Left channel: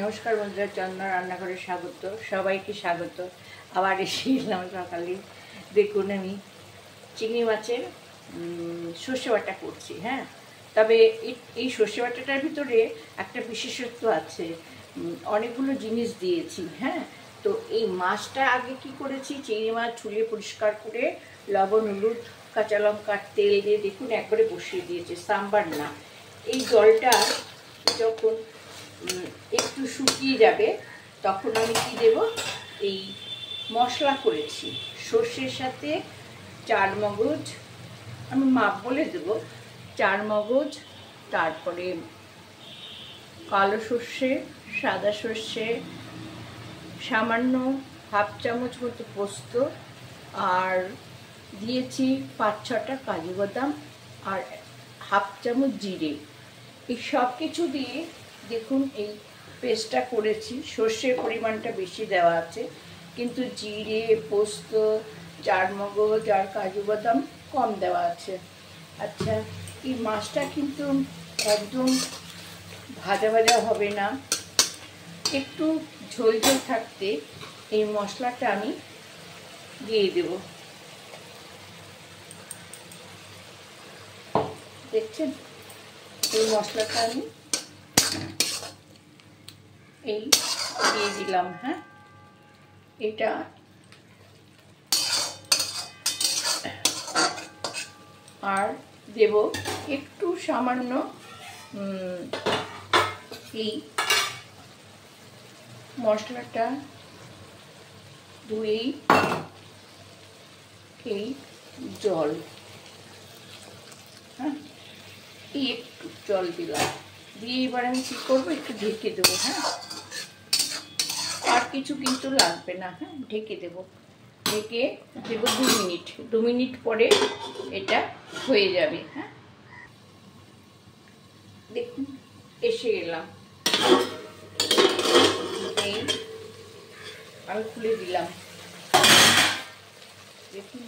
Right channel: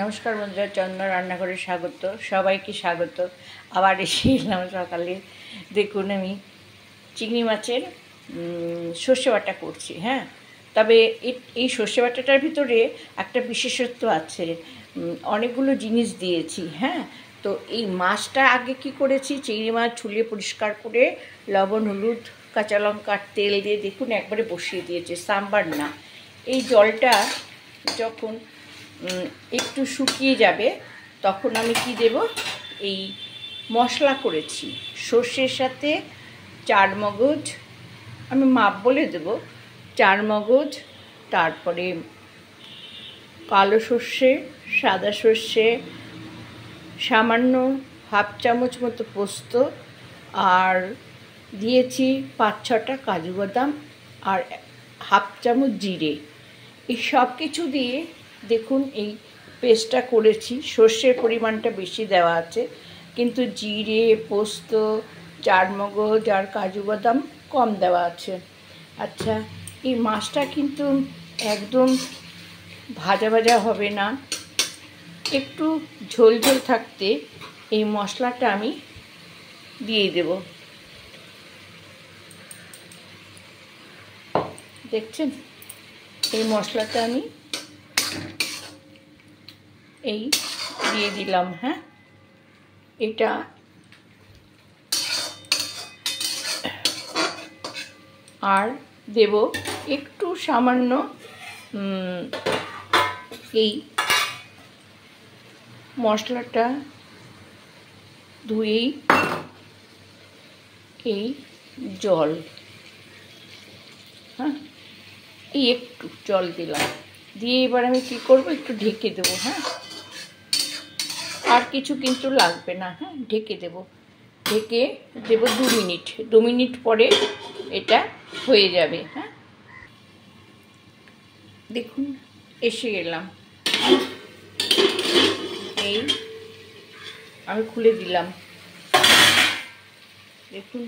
নমস্কার বন্ধুরা, চন্দনা রান্নাঘরে স্বাগত। সবাইকে স্বাগত। আবার এসে এলাম সকালে। দেখুন, আমি চিংড়ি মাছের সর্ষে বাটা করছি। হ্যাঁ, তবে এই সর্ষে বাটাটার ভিতরে একটা বিশেষত্ব আছে। অনেকগুলো জিনিস দিয়েছি। হ্যাঁ, তো এই মাছটা আগে কি করেছি, চিংড়ি মাছ ছুলিয়ে পরিষ্কার করে লবণ, হলুদ, কাঁচা লঙ্কার তেল দিয়ে দেখুন একবারে বসিয়ে দিয়েছি, সাম্বার না। এই জলটা যখন একটু শুকিয়ে যাবে তখন আমি কি দেব, এই মশলা করেছি সর্ষের সাথে চারমগজ, আমি মাপ বলে দেব, চারমগজ, তারপরে কালো সর্ষে, সাদা সর্ষে, সামান্য হাফ চামচ মতো পোস্ত, আর দিয়েছি 5-6টা কাজু বাদাম, আর হাফ চামচ জিরে। এই সব কিছু দিয়ে দেখুন এই পেস্টটা করেছি। সর্ষের পরিমাণটা বেশি দেওয়া আছে, কিন্তু জিরে, পোস্ত, চারমগজ আর কাজু বাদাম কম দেওয়া আছে। আচ্ছা, এই মাছটা কিন্তু একদম ভাজা ভাজা হবে না, একটু ঝোল ঝোল থাকতে এই মশলাটা আমি দিয়ে দেব। দেখছেন, এই মশলাটা আমি এই দিয়ে দিলাম। হ্যাঁ, এটা আর দেব একটু সামান্য এই মশলাটা ধুয়েই এই জল, হ্যাঁ, এই একটু জল দিলাম, দিয়ে এবার আমি কী করবো, একটু ঢেকে দেবো। হ্যাঁ, আর কিছু কিন্তু লাগবে না। হ্যাঁ, ঢেকে দেবো, ঢেকে দেবো 2 মিনিট পরে এটা হয়ে যাবে। হ্যাঁ, দেখুন এসে গেলাম, এই আমি খুলে দিলাম, দেখুন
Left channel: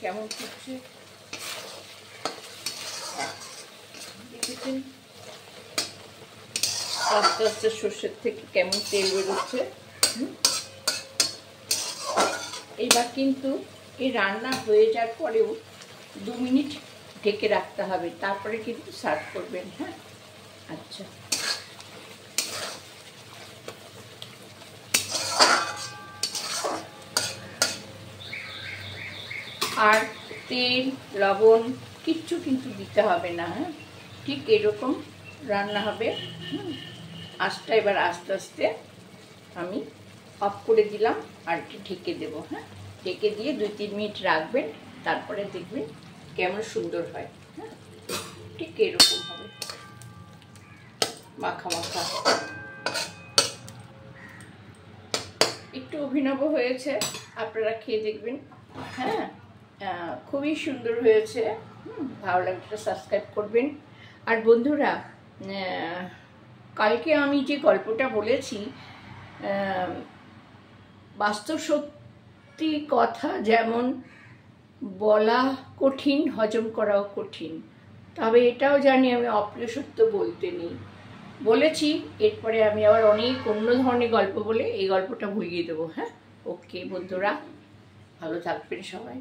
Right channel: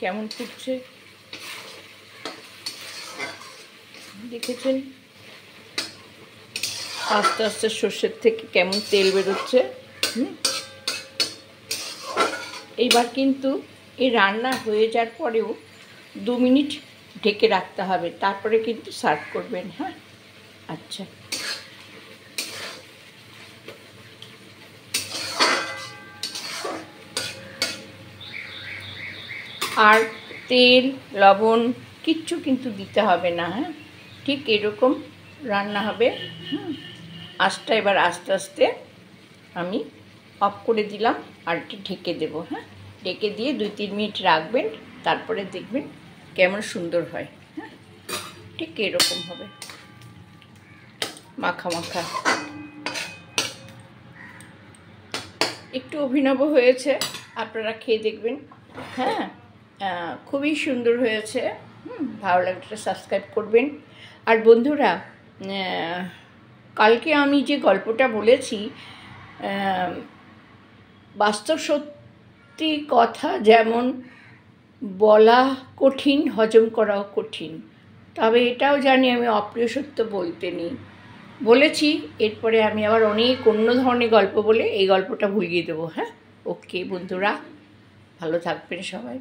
কেমন ফুটছে, দেখেছেন আস্তে আস্তে সর্ষের থেকে কেমন তেল বেরোচ্ছে। এইবার কিন্তু এই রান্না হয়ে যাওয়ার পরেও 2 মিনিট ঢেকে রাখতে হবে, তারপরে কিন্তু সার্ভ করবেন। হ্যাঁ, আচ্ছা, আর তেল, লবণ কিচ্ছু কিন্তু দিতে হবে না। হ্যাঁ, ঠিক এরকম রান্না হবে। আঁচটা এবার আস্তে আস্তে আমি অফ করে দিলাম, আর একটু ঢেকে দেবো। হ্যাঁ, ঢেকে দিয়ে 2-3 মিনিট রাখবেন, তারপরে দেখবেন কেমন সুন্দর হয়। হ্যাঁ, ঠিক এরকম হবে, মাখা মাখা, একটু অভিনব হয়েছে, আপনারা খেয়ে দেখবেন। হ্যাঁ, খুবই সুন্দর হয়েছে। ভালো লাগলে সাবস্ক্রাইব করবেন। আর বন্ধুরা, কালকে আমি যে গল্পটা বলেছি, বাস্তব সত্যি কথা যেমন বলা কঠিন, হজম করাও কঠিন, তবে এটাও জানি আমি অপ্রিয় সত্য বলতে নেই। বলেছি, এরপরে আমি আবার অনেক অন্য ধরনের গল্প বলে এই গল্পটা ভুলিয়ে দেবো। হ্যাঁ, ওকে বন্ধুরা, ভালো থাকবেন সবাই।